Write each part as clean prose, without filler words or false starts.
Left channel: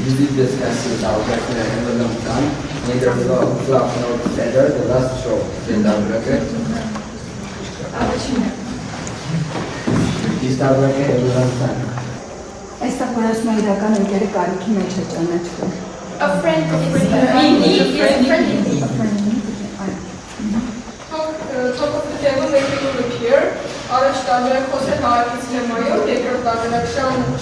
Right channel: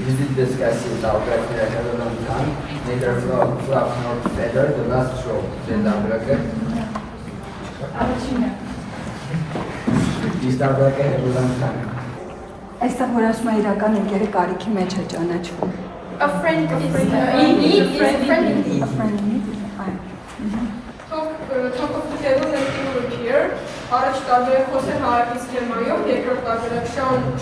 usually discussed with our partner at a long time. Neither fluff nor feather, the last show in the bracket. Is the bracket at a long time? Այստեղ որոշում է իրական ընկերի կարիքի մեջ է ճանաչվում։ A friend is in need is a friend in need. Top of the table making to appear. Առաջ տարբերակ խոսել հայացից լեմայով, երկրորդ տարբերակ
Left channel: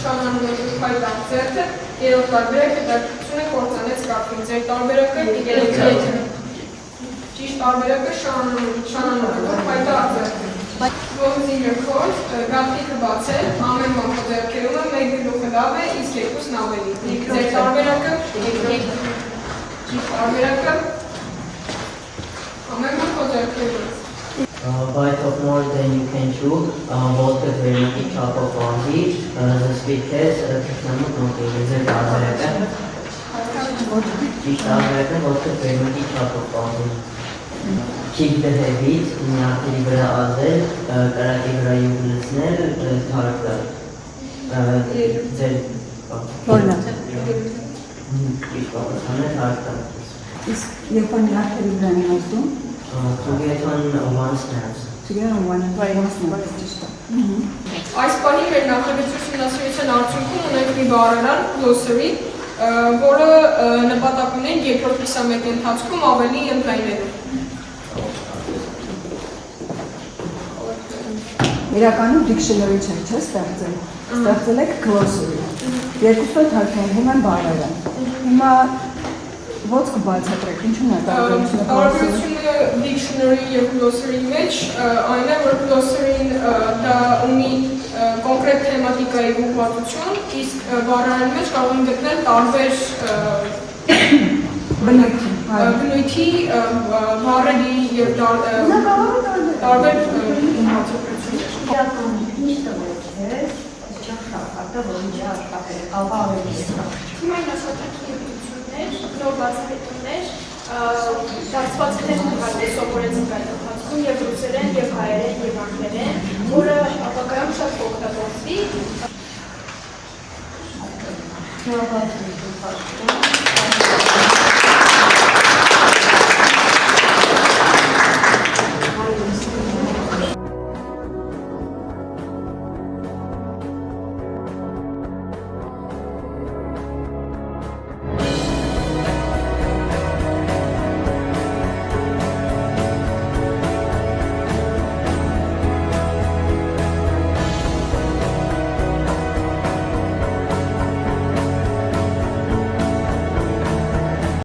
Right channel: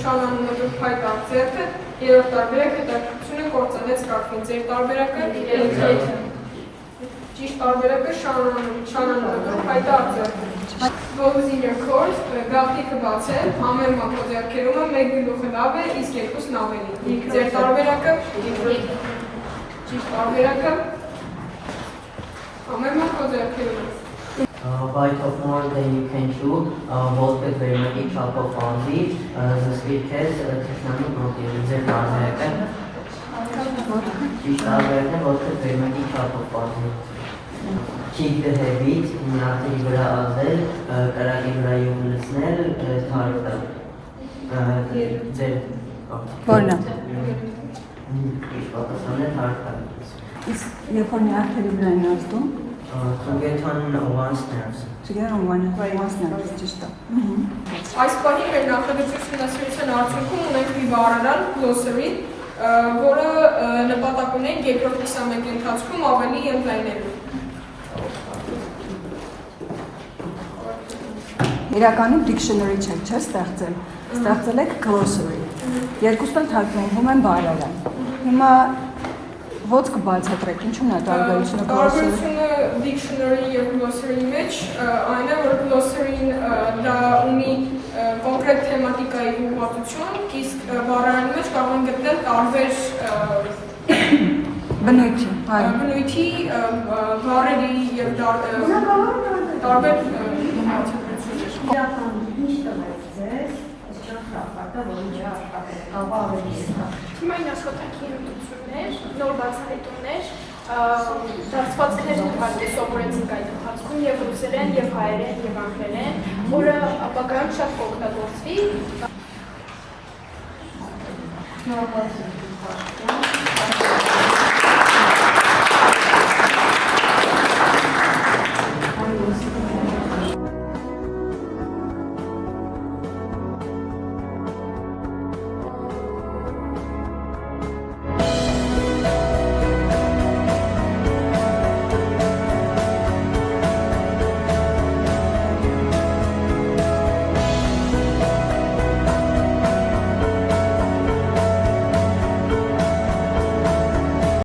շանանունով հայտ արձերքը, երրորդ տարբերակ հետաքրքրությունը կործանեց կարգին։ Ձեր տարբերակը ճիշտ տարբերակը շանանունով հայտ արձերքը։ Close in your court, գաղթիքը բաց է, ամեն մակո ձեռքերում է, մեկ գլուխը լավ է, իսկ երկուսն ավելի։ Ձեր տարբերակը ճիշտ տարբերակը ամեն մակո ձեռքերում է։ Bite of more than you can chew, both the very top of Aussie, the sweet taste, Kishnami Monkey, is a Tarberaka. Each Tarberaka, both the very top of Aussie. Keep the habits, Nakibra Azel, Karakibra Yunisnel, Tarda. Որնա։ Each Pakistan and Tarda. Իսկ երբ որ նախերի վրա են ազդում, To get on one stance. together on one stance, ճիշտ է։ Այս պահի մեր նախագծությունն ասացին արդյունքում ունենք մի բառերար glossary, որը նպատակ ունենք երկրորդ 21 ընթացքում ավելի ընդլայնելու։ Իրականում dictionary չէ, չէ՞ ստեղծել։ Ստեղծել եք glossary։ Երկուսը թարգմանվում են բառերը։ Հիմա ո՞ց կբացատրեք, ինչու՞ն է տարբերությունը։ Տարբերությունը dictionary եւ glossary մեջ այն է, որ glossary-ն դա ունի կոնկրետ թեմատիկայի ուղղվածություն, իսկ բառերն մեջ կարող են գտնել տարբեր բնույթի բառերի եւ տարբեր Հիմա աշխատանքի ընտրություններ, նոր բացահայտումներ, բացվածքներ սովորեցինք այդ ընթացքում եւ ռուսերեն, եւ հայերեն, եւ անգլերեն, որը ապագայում շատ կօգտագործվի։